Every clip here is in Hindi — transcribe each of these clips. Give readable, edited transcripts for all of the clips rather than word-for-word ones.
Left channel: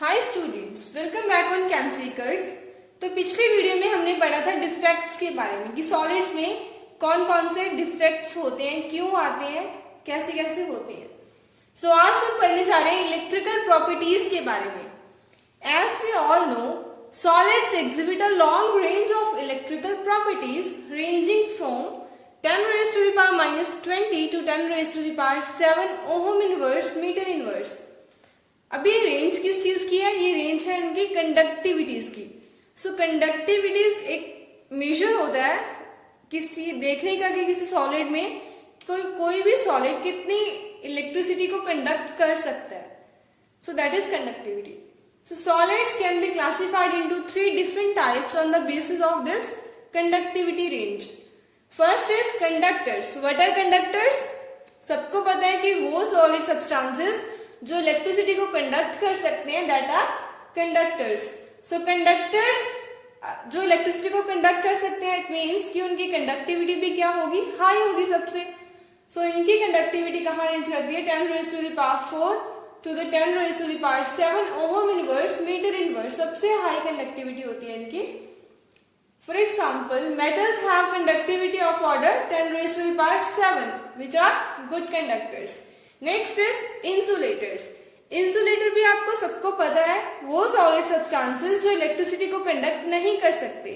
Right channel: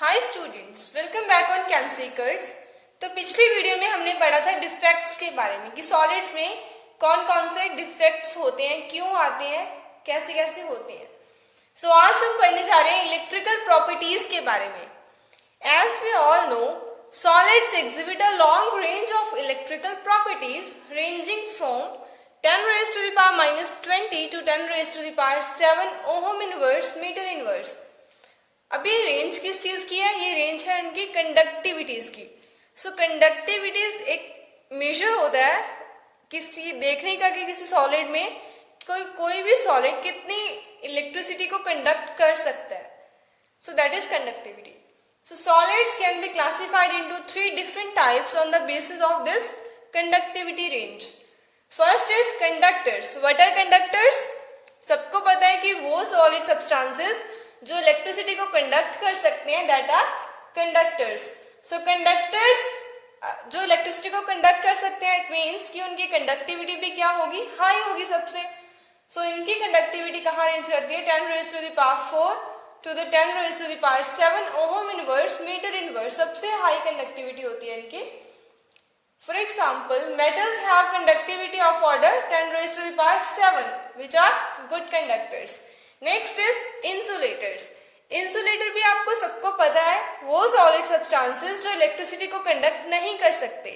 Hi students, welcome back on कैंसीकर्स। तो पिछली वीडियो में हमने पढ़ा था डिफेक्ट्स के बारे में कि सॉलिड्स में कौन कौन से डिफेक्ट्स होते हैं, क्यों आते हैं, कैसे कैसे होते हैं। सो आज हम पढ़ने जा रहे हैं इलेक्ट्रिकल प्रॉपर्टीज के बारे में। As we all know, solids exhibit a long range of electrical properties ranging from 10 raised to the power minus 20 to 10 raised to the power 7 ohm inverse meter inverse। अब ये रेंज किस चीज की है? ये रेंज है उनकी कंडक्टिविटीज की। सो कंडक्टिविटीज एक मेजर होता है किसी देखने का कि किसी सॉलिड में कोई भी सॉलिड कितनी इलेक्ट्रिसिटी को कंडक्ट कर सकता है। So that is conductivity. So solids can be classified into three different types on the basis of this conductivity range. First is conductors. What are conductors? सबको पता है कि वो solid substances जो इलेक्ट्रिसिटी को कंडक्ट कर सकते हैं that are conductors. So conductors जो इलेक्ट्रिसिटी को कंडक्ट कर सकते हैं it means कि उनकी कंडक्टिविटी भी क्या होगी? हाई होगी सबसे। So इनकी कंडक्टिविटी कहाँ रेंज करती है? 10 raised to the power 4 to the 10 raised to the power 7 ohm inverse meter inverse सबसे हाई कंडक्टिविटी होती है इनकी। For example, metals have conductivity of order 10 raised to the power 7 which are good conductors. Next is insulators. Insulator भी आपको सबको पता है वो solid substances जो इलेक्ट्रिसिटी को कंडक्ट नहीं कर सकते।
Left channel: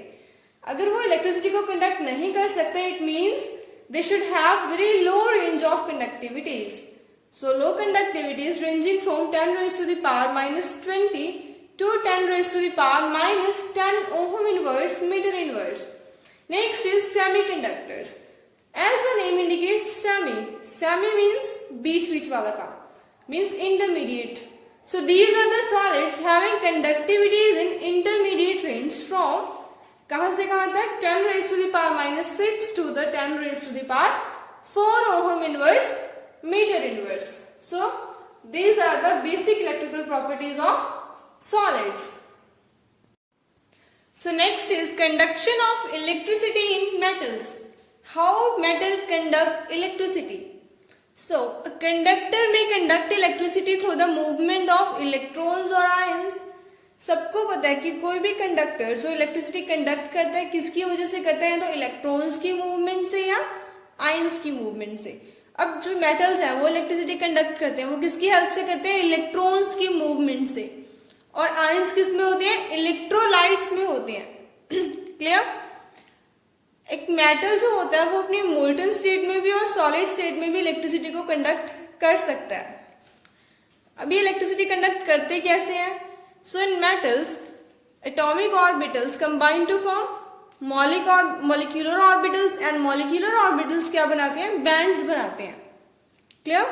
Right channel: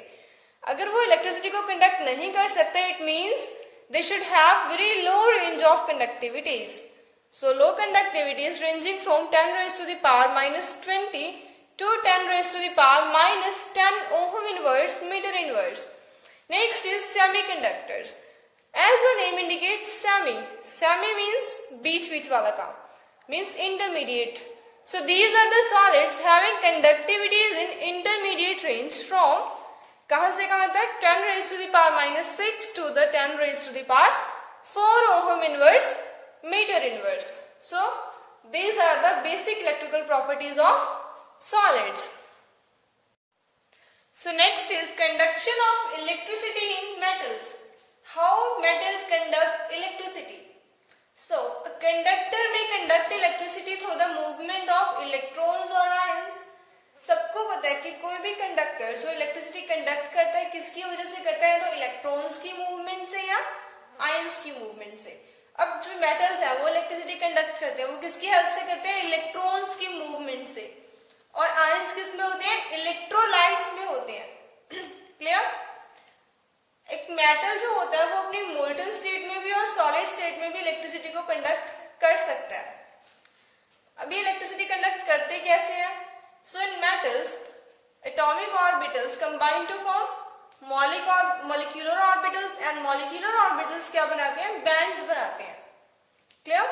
अगर वो इलेक्ट्रिसिटी को कंडक्ट नहीं कर सकते it means they should have very low range of conductivities. So low conductivity is ranging from 10 raised to the power minus 20 to 10 raised to the power minus 10 ohm inverse meter inverse. Next is semiconductors. As the name indicates, semi means बीच वाला काम, means intermediate. So these are the solids having conductivities in intermediate range from कहाँ से कहाँ तक? 10 raised to the power minus 6 to the 10 raised to the power 4 ohm inverse meter inverse. So these are the basic electrical properties of solids. So next is conduction of electricity in metals. How metal conduct electricity? So a conductor may conduct electricity through the movement of electrons or ions. सबको पता है कि कोई भी कंडक्टर जो इलेक्ट्रिसिटी कंडक्ट करता है किसकी वजह से करता है? तो इलेक्ट्रॉन्स की मूवमेंट से या आयंस की मूवमेंट से। अब जो मेटल्स हैं वो इलेक्ट्रिसिटी कंडक्ट करते हैं, वो किसकी हेल्प से करते हैं? इलेक्ट्रॉन्स की मूवमेंट से। और आयंस किस में होते हैं? इलेक्ट्रोलाइट्स में होते हैं। क्लियर? एक मेटल जो होता है वो अपनी मोल्टन स्टेट में भी और सॉलिड स्टेट में भी इलेक्ट्रिसिटी को कंडक्ट कर सकता है। अभी इलेक्ट्रिसिटी कंडक्ट करते कैसे हैं? So in metals atomic orbitals combine to form molecular orbitals and molecular orbitals क्या बनाते हैं? बैंड्स बनाते हैं। क्लियर?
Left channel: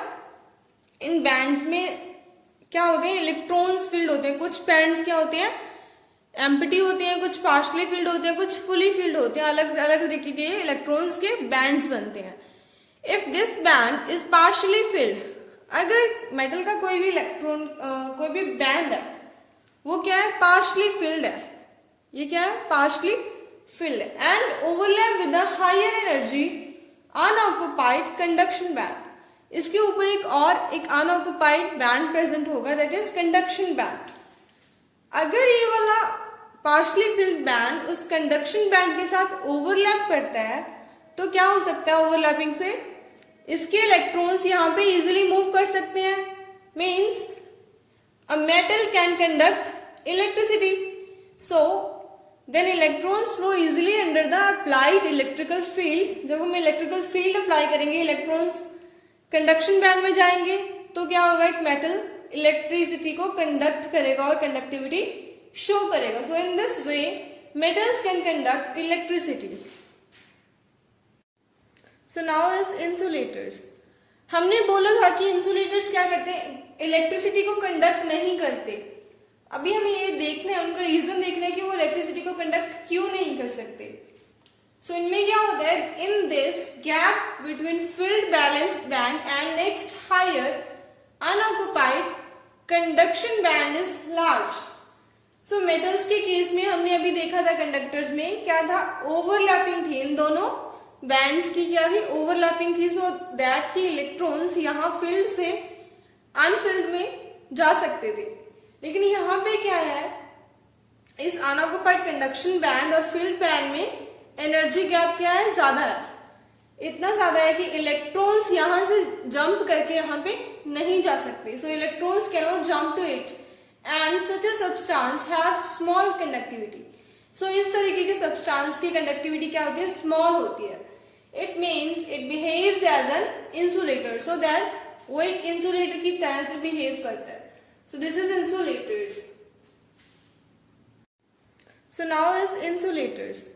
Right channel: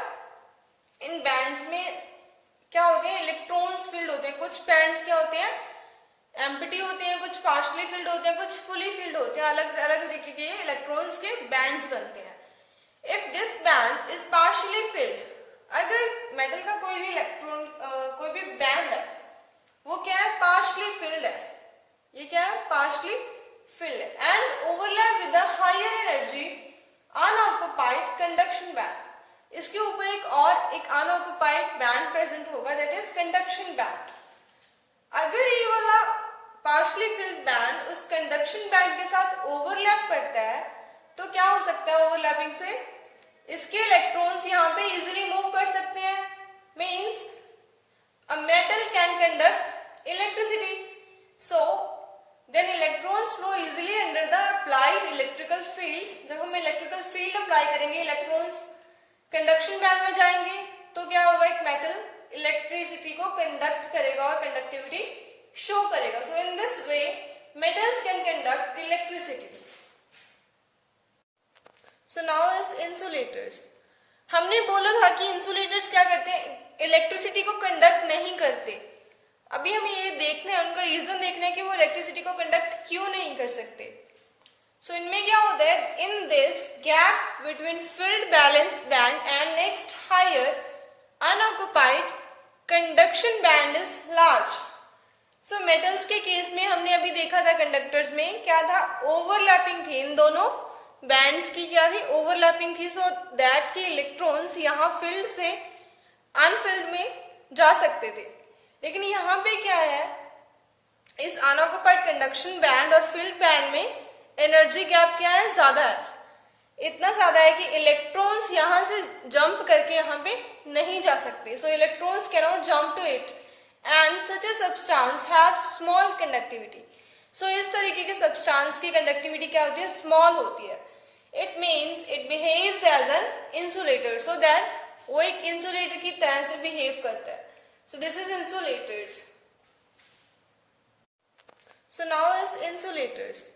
इन बैंड्स में क्या होते हैं? इलेक्ट्रॉन्स फील्ड होते हैं। कुछ बैंड्स क्या होते हैं? एम्प्टी होते हैं, कुछ पार्शली फील्ड होते हैं, कुछ फुली फील्ड होते हैं। अलग अलग तरीके के इलेक्ट्रॉन्स के बैंड्स बनते हैं। If this band is partially field, अगर मेटल का कोई भी इलेक्ट्रॉन कोई भी बैंड है वो क्या है? पार्शली फिल्ड है। ये क्या है? Partially filled and overlap with the higher energy unoccupied conduction band. इसके ऊपर एक unoccupied band present होगा, that is conduction band. अगर ये वाला partially filled band उस conduction band के साथ overlap करता है तो क्या हो सकता है? overlapping से इसके electrons यहाँ पे easily move कर सकते हैं। means a metal can conduct electricity. So then electrons flow easily under the applied electrical field. जब हम इलेक्ट्रिकल फील्ड अप्लाई करेंगे इलेक्ट्रॉन्स कंडक्शन बैंड में जाएंगे तो क्या होगा? एक मेटल इलेक्ट्रिसिटी को कंडक्ट करेगा और कंडक्टिविटी शो करेगा। So in this way metals can conduct electricity. So now is insulators. हमने बोला था कि इंसुलेटर्स क्या करते हैं? इलेक्ट्रिसिटी को कंडक्ट नहीं करते। अभी हमें ये देखना है, उनका रीजन देखना है कि वो इलेक्ट्रिसिटी को कंडक्ट क्यों नहीं कर सकते। सो इनमें क्या होता है? In this gap between filled valence band and next higher unoccupied conduction band is large. So metals के केस में हमने अभी देखा था कंडक्टर्स में क्या था? ओवरलैपिंग थी। इन दोनों बैंड्स की क्या थी? ओवरलैपिंग थी। सो दैट की इलेक्ट्रॉन्स यहाँ फील्ड से अनफिल्ड में जा सकते थे। लेकिन यहाँ पे क्या है, इस अनऑक्युपाइड कंडक्शन बैंड और फिल्ड बैंड में एनर्जी गैप क्या है, ज्यादा है। इतना ज्यादा है कि इलेक्ट्रॉन्स यहां से जंप करके यहाँ पे नहीं जा सकते। So electrons can not jump to it and such a substance have small conductivity. So इस तरीके के सब्सटेंस की कंडक्टिविटी क्या होती है, स्मॉल होती है। It means it behaves as an insulator, so that वो एक इंसुलेटर की तरह से बिहेव करता है। So this is insulators. So now is insulators.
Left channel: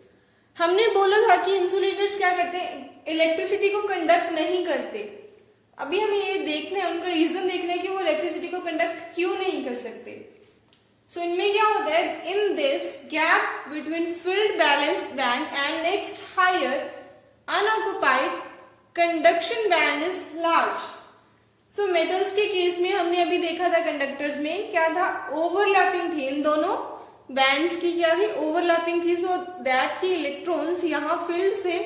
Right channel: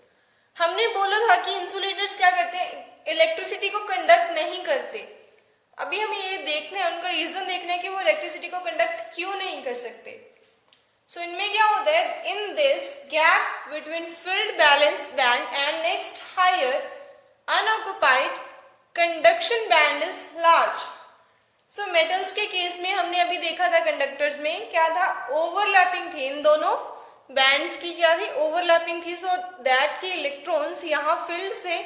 हमने बोला था कि इंसुलेटर्स क्या करते हैं, इलेक्ट्रिसिटी को कंडक्ट नहीं करते। अभी हमें ये देखना है, उनका रीजन देखना है कि वो इलेक्ट्रिसिटी को कंडक्ट क्यों नहीं कर सकते। सो इनमें क्या होता है, in this gap between filled valence band and next higher unoccupied conduction band is large. So metals के केस में हमने अभी देखा था, कंडक्टर्स में क्या था, ओवरलैपिंग थी, इन दोनों बैंड्स की क्या थी, ओवरलैपिंग थी। सो दैट की इलेक्ट्रॉन्स यहाँ फील्ड से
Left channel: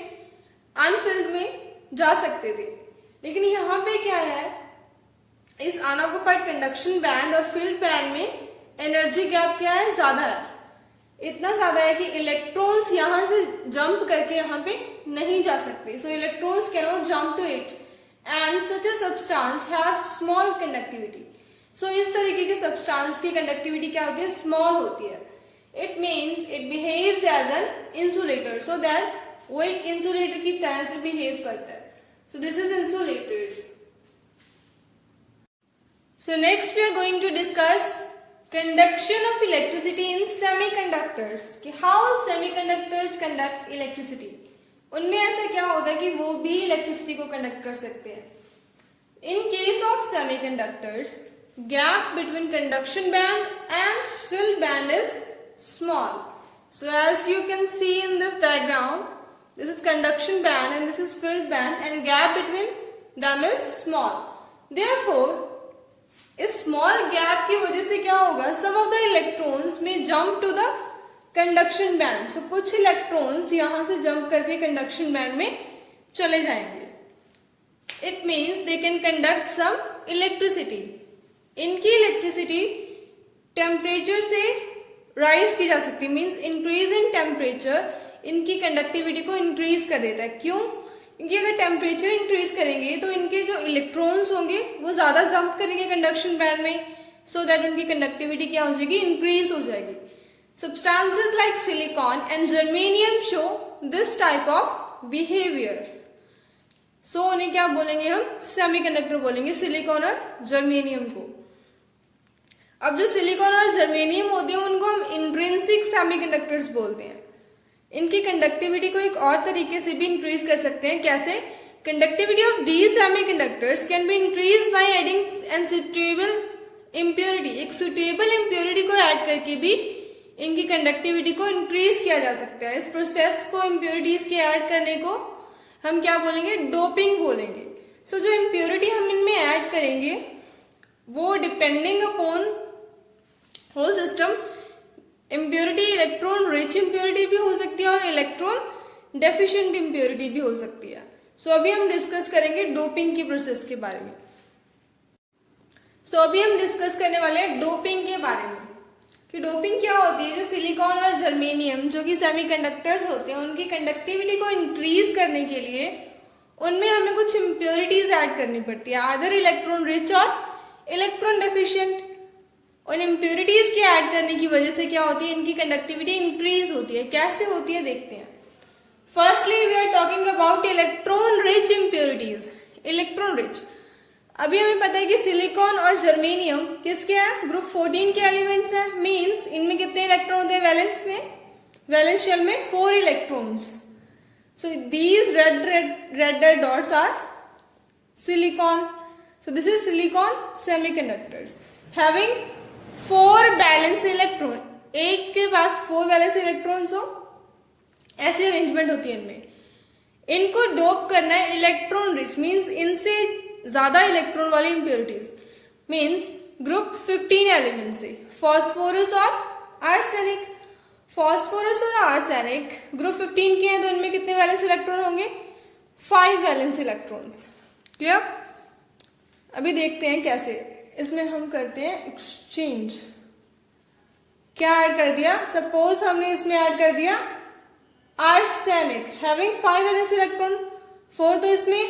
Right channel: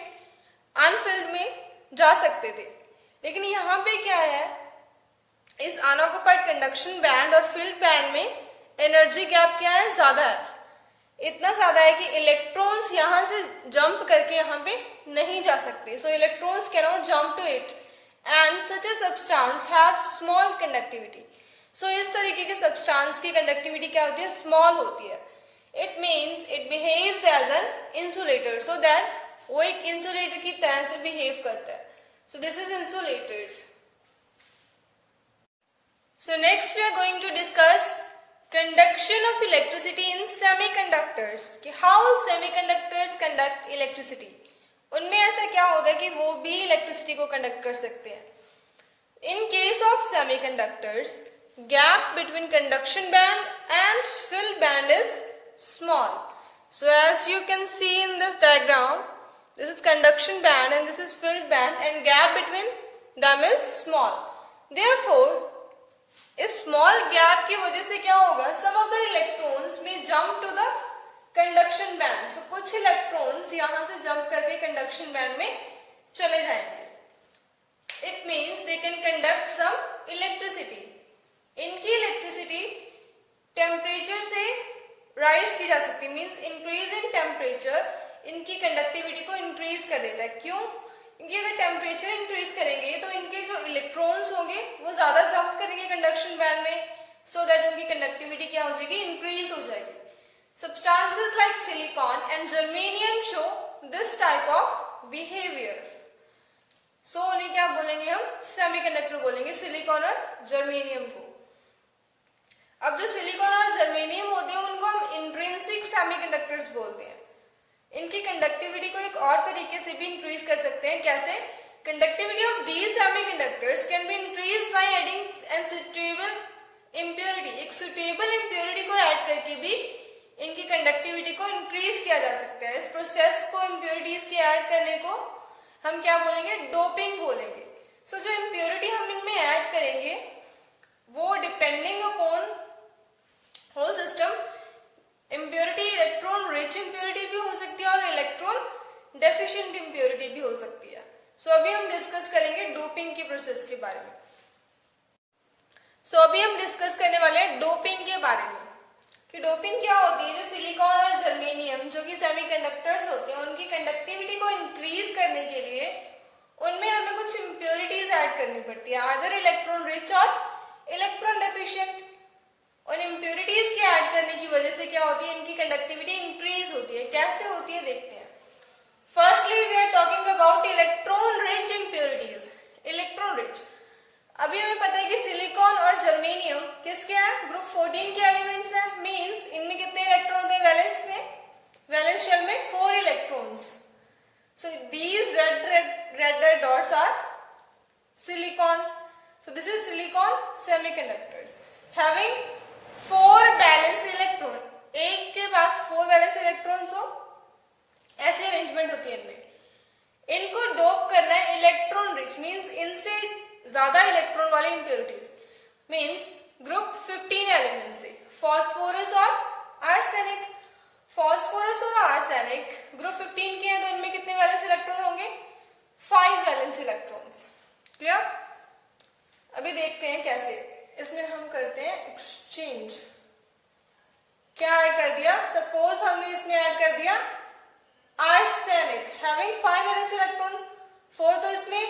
अनफिल्ड में जा सकते थे। लेकिन यहाँ पे क्या है, इस अनऑक्युपाइड कंडक्शन बैंड और फील्ड बैंड में एनर्जी गैप क्या है, ज्यादा है। इतना ज्यादा है कि इलेक्ट्रॉन्स यहां से जंप करके यहाँ पे नहीं जा सकते। So electrons can not jump to it and such a substance have small conductivity. So इस तरीके के सब्सटेंस की कंडक्टिविटी क्या होती है, स्मॉल होती है। It means it behaves as an insulator, so that वो एक इंसुलेटर की तरह से बिहेव करता है। So this is insulators. So next we are going to discuss conduction of electricity in semiconductors, कि how semiconductors conduct electricity। उनमें ऐसा क्या होता है कि वो भी इलेक्ट्रिसिटी को कंडक्ट कर सकते हैं। In case of semiconductors, gap between conduction band and filled band is small. So as you can see in this diagram, this is conduction band and this is filled band, and gap between them is small. Therefore, इस स्मॉल गैप की वजह से क्या होगा, सम ऑफ द इलेक्ट्रॉन्स में jump to the conduction band. So कुछ इलेक्ट्रॉन्स यहां से जंप करके कंडक्शन बैंड में चले जाएंगे। It means they can conduct some electricity. इनकी इलेक्ट्रिसिटी टेम्परेचर से राइज की जा सकती है, मीन्स इंक्रीज इन टेम्परेचर इनकी कंडक्टिविटी को इंक्रीज कर देता है। क्यों, क्योंकि अगर टेम्परेचर इंक्रीज करेंगे तो इनके जो इलेक्ट्रॉन्स होंगे वो ज्यादा जंप करेंगे कंडक्शन बैंड में, सो दैट उनकी कंडक्टिविटी क्या हो जाएगी, इंक्रीज हो जाएगी। Substances like silicon and germanium show this type of behaviour. So उन्हें क्या बोलेंगे हम, सेमीकंडक्टर बोलेंगे, सिलिकॉन और जर्मेनियम को। अब जो सिलिकॉन और जर्मेनियम होते हैं उनको हम इंट्रिंसिक सेमीकंडक्टर्स बोलते हैं। इनकी कंडक्टिविटी को एक और तरीके से भी इंक्रीज कर सकते हैं। कैसे, conductivity of these semiconductors can be increase by adding N suitable impurity. एक सुटेबल इम्प्योरिटी को ऐड करके भी इनकी कंडक्टिविटी को इंक्रीज किया जा सकता है। इस प्रोसेस को, इम्प्योरिटीज के ऐड करने को हम क्या बोलेंगे, डोपिंग बोलेंगे। सो जो इम्प्योरिटी हम इनमें ऐड करेंगे वो depending upon hole system, impurity electron rich impurity भी हो सकती है और इलेक्ट्रॉन डेफिशिएंट इम्प्योरिटी भी हो सकती है। सो अभी हम डिस्कस करेंगे डोपिंग की प्रोसेस के बारे में। अभी हम डिस्कस करने वाले हैं डोपिंग के बारे में, कि डोपिंग क्या होती है। जो सिलिकॉन और जर्मेनियम जो कि सेमीकंडक्टर्स होते हैं, उनकी कंडक्टिविटी को इंक्रीज करने के लिए उनमें हमें कुछ इम्प्योरिटीज ऐड करनी पड़ती है, आइदर इलेक्ट्रॉन रिच और इलेक्ट्रॉन डेफिशिएंट। और इम्प्योरिटीज के ऐड करने की वजह से क्या होती है, इनकी कंडक्टिविटी इंक्रीज होती है। कैसे होती है देखते हैं। Firstly we are talking about electron rich impurities. Electron rich, अभी हमें पता है कि सिलिकॉन और जर्मेनियम किसके हैं, ग्रुप 14 के एलिमेंट्स हैं। मींस इनमें कितने इलेक्ट्रॉन होते हैं, वैलेंस में, वैलेंस शेल में 4 electrons. So these red dots are silicon. So this is silicon semiconductors having 4 valence electron. एक के पास 4 बैलेंस इलेक्ट्रॉन्स हो, ऐसी अरेंजमेंट होती है इनमें। इनको डोप करना है इलेक्ट्रॉन रिच, मींस इनसे ज्यादा इलेक्ट्रॉन वाले इम्प्योरिटीज, मींस ग्रुप 15 एलिमेंट से, फॉस्फोरस और आर्सेनिक। फॉस्फोरस और आर्सेनिक ग्रुप 15 के हैं, तो इनमें कितने वैलेंस इलेक्ट्रॉन होंगे, 5 वैलेंस इलेक्ट्रॉन्स। क्लियर। अभी देखते हैं कैसे इसमें हम करते हैं एक्सचेंज। क्या ऐड कर दिया, सपोज हमने इसमें ऐड कर दिया आर्सेनिक हैविंग 5 वैलेंस इलेक्ट्रॉन, 4 तो इसमें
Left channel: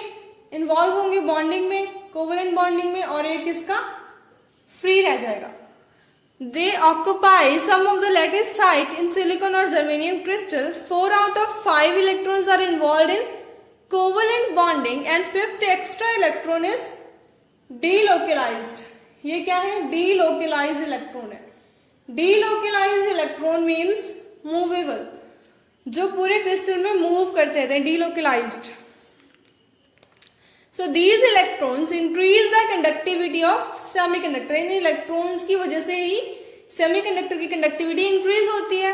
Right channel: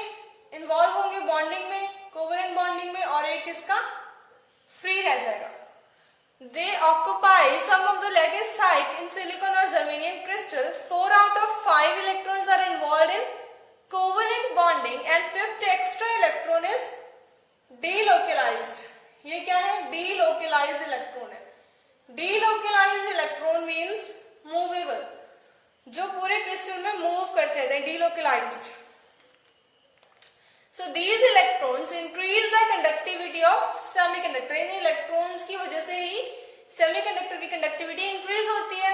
इन्वॉल्व होंगे बॉन्डिंग में, कोवेलेंट बॉन्डिंग में, और एक इसका फ्री रह जाएगा. They occupy some of the lattice site in silicon or germanium crystal. 4 out of 5 electrons are involved in covalent bonding and 5th extra electron is delocalized. ये क्या है, delocalized electron है. Delocalized electron means movable, जो पूरे क्रिस्टल में मूव करते हैं, delocalized. So these electrons increase the conductivity of semiconductor. In electrons की वजह से ही सेमीकंडक्टर की कंडक्टिविटी इंक्रीज होती है.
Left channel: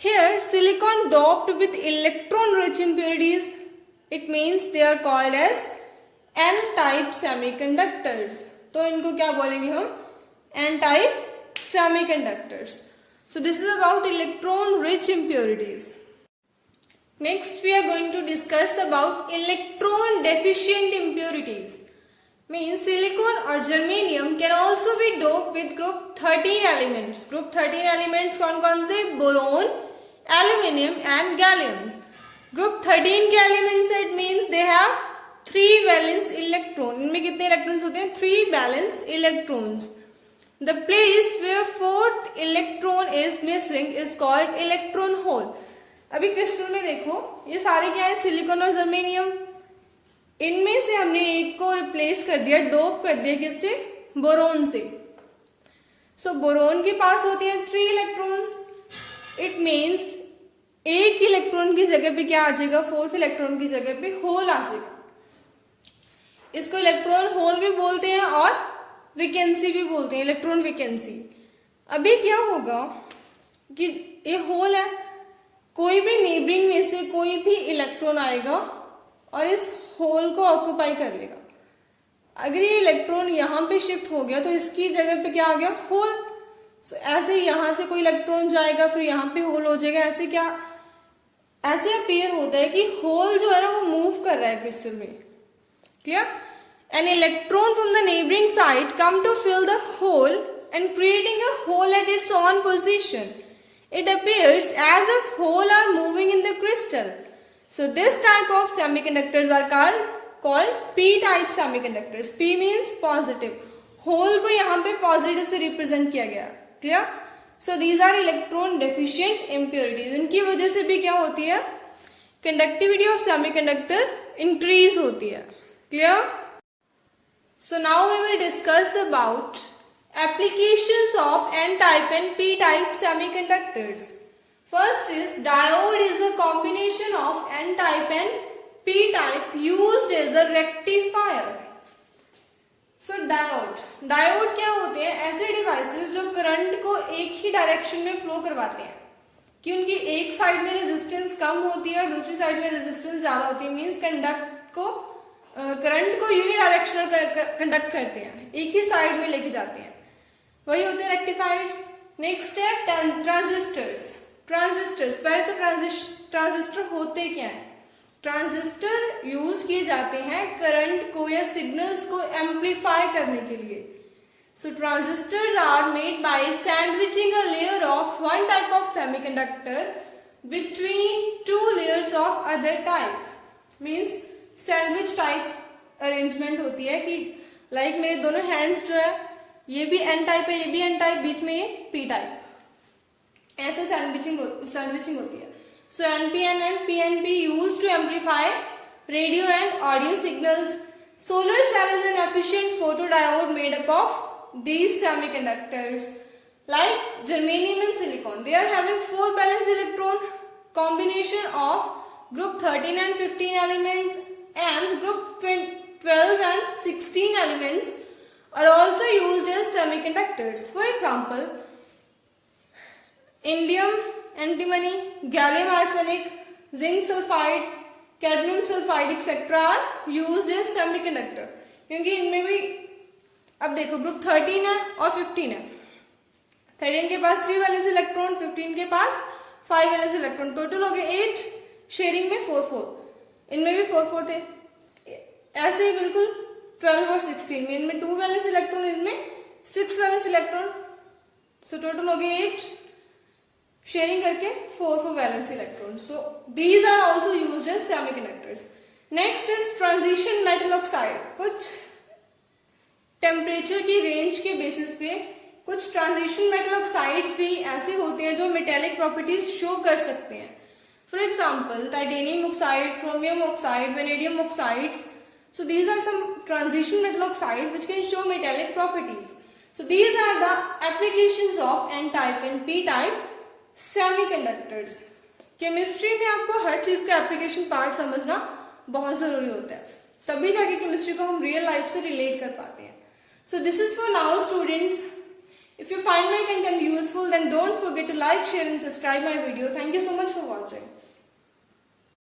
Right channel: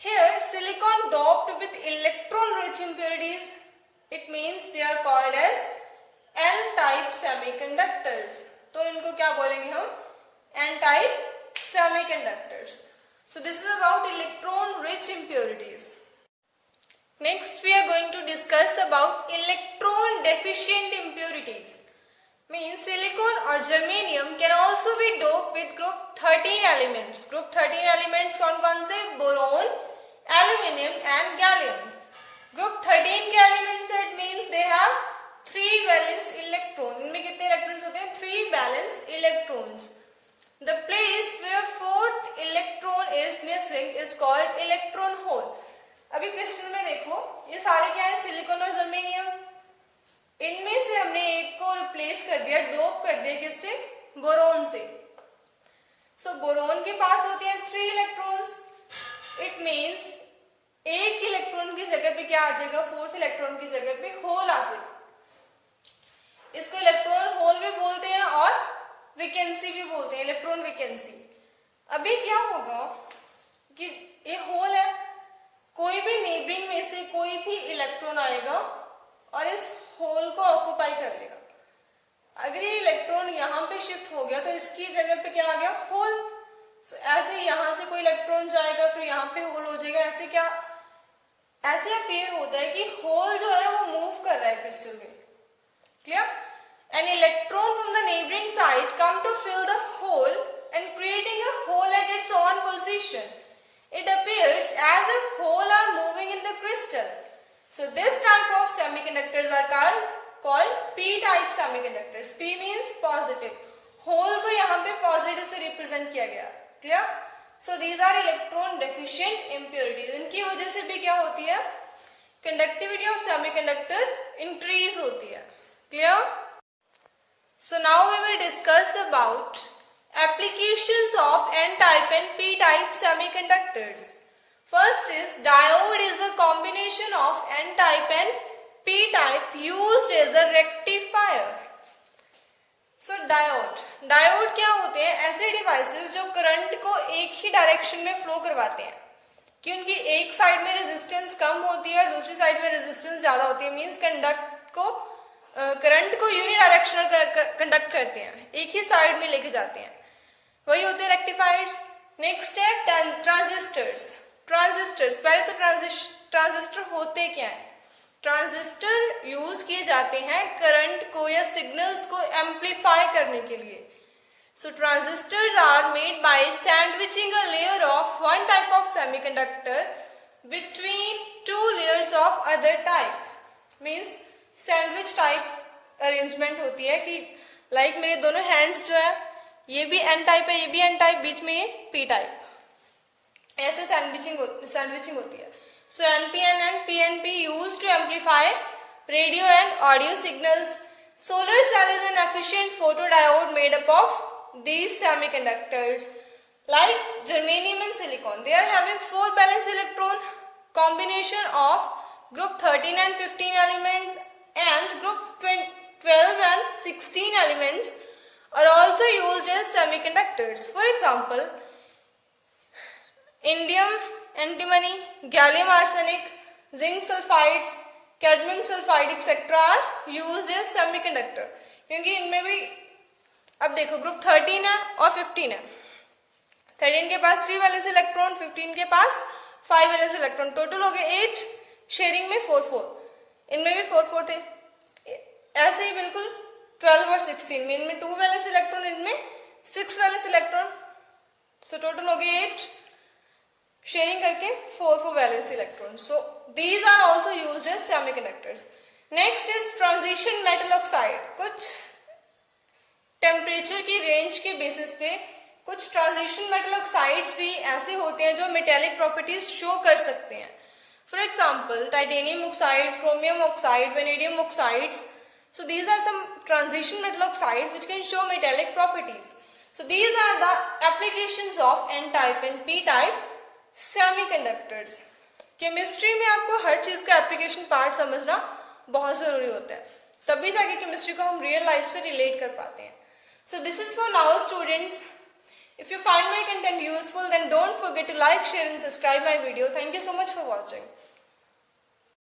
Here silicon doped with electron rich impurities, it means they are called as n-type semiconductors. तो इनको क्या बोलेंगे हम, n-type semiconductors. So this is about electron rich impurities. Next we are going to discuss about electron deficient impurities. Means silicon or germanium can also be doped with group 13 elements. Group 13 elements कौन कौन से, boron, aluminium and gallium. Group 13 के elements it means they have 3 valence electron. इनमें कितने इलेक्ट्रॉन्स होते हैं, 3 valence electrons. The place where 4th electron is missing is called electron hole. अभी क्रिस्टल में देखो, ये सारे क्या है, सिलिकॉन और जर्मेनियम. इनमें से हमने एक को रिप्लेस कर दिया, डोप कर दिया किससे, बोरोन से. सो बोरोन के पास होती है 3 इलेक्ट्रॉन्स. इट मींस एक इलेक्ट्रॉन की जगह पे क्या आ जाएगा, 4th इलेक्ट्रॉन की जगह पे होल आ जाएगा. इसको इलेक्ट्रॉन होल भी बोलते हैं और वैकेंसी भी बोलते हैं, इलेक्ट्रॉन वैकेंसी. अभी क्या होगा कि ये होल है, कोई भी नेबरिंग में से कोई भी इलेक्ट्रॉन आएगा और इस होल को ऑक्यूपाई कर लेगा. अगर ये इलेक्ट्रॉन यहाँ पे शिफ्ट हो गया तो इसकी जगह पे क्या आ गया, होल. So, ऐसे यहां से कोई इलेक्ट्रॉन जाएगा फिर यहाँ पे होल हो जाएगा. ऐसे क्या, ऐसे अपीयर होता है कि होल जो है ना वो मूव कर रहा है क्रिस्टल में. Clear. An electron from the neighboring side come to fill the hole and creating a hole at its own position. It appears as if holes are moving in the crystal. So this type of semiconductors are called p-type semiconductors. P means positive. Hole को यहाँ पे positive से represent किया गया. Clear? So these are electron deficient impurities. इनकी वजह से भी क्या होती है, conductivity of semiconductor increase होती है. Clear? So now we will discuss about applications of n-type and p-type semiconductors. First is diode is a combination of n-type and p-type used as a rectifier. So diode क्या होते हैं, ऐसे डिवाइसेस जो करंट को एक ही डायरेक्शन में फ्लो करवाते हैं. कि उनकी एक साइड में रेजिस्टेंस कम होती है और दूसरी साइड में रेजिस्टेंस ज्यादा होती है. मींस करंट को यूनिडायरेक्शनल कंडक्ट करते हैं, एक ही साइड में लेके जाते हैं, वही होते हैं रेक्टिफायर्स. नेक्स्ट है ट्रांजिस्टर्स. पहले तो ट्रांजिस्टर होते क्या है, ट्रांजिस्टर यूज किए जाते हैं करंट को या सिग्नल्स को एम्पलीफाई करने के लिए. So transistors are made by sandwiching a layer of one type of semiconductor between 2 layers of other type. Means sandwich type arrangement होती है कि लाइक मेरे दोनों हैंड्स जो है, ये भी एन टाइप है, ये भी एन टाइप, बीच में ये पी टाइप. ऐसे सैंडविचिंग होती है. So NPN and PNP used to amplify radio and audio signals. Solar cell is an efficient photodiode made up of these semiconductors. Like germanium and silicon, they are having 4 valence electron combination of group 13 and 15 elements, and group 12 and 16 elements are also used as semiconductors. For example, indium antimony, gallium arsenic, zinc sulfide, cadmium sulfide etc. are used as semiconductor. क्योंकि इनमें भी अब देखो ग्रुप 13 है और 15 है. 13 के पास 3 वैलेंस इलेक्ट्रॉन, 15 के पास 5 वैलेंस इलेक्ट्रॉन, टोटल हो गए 8, शेयरिंग में 4-4. इनमें भी 4-4 थे. ऐसे ही बिल्कुल 12 और 16 में, इनमें 2 वैलेंस इलेक्ट्रॉन, इनमें 6 वैलेंस इलेक्ट्रॉन. सो टोटल हो गए 8 शेयरिंग करके 4 valence electron. So these are also used as semiconductors. Next is transition metal oxide. कुछ टेम्परेचर की रेंज के बेसिस पे कुछ ट्रांजिशन मेटल ऑक्साइड्स भी ऐसे होते हैं जो मेटेलिक प्रॉपर्टीज शो कर सकते हैं. For example titanium oxide, chromium oxide, vanadium oxides. So these are some transition metal oxides which can show metallic properties. So these are the applications of N-type and P-type semiconductors. Chemistry में आपको हर चीज का एप्लीकेशन पार्ट समझना बहुत जरूरी होता है, तभी जाके केमिस्ट्री को हम रियल लाइफ से रिलेट कर पाते हैं. So this is for now students. If you find my content useful then don't forget to like, share and subscribe my video. Thank you so much for watching.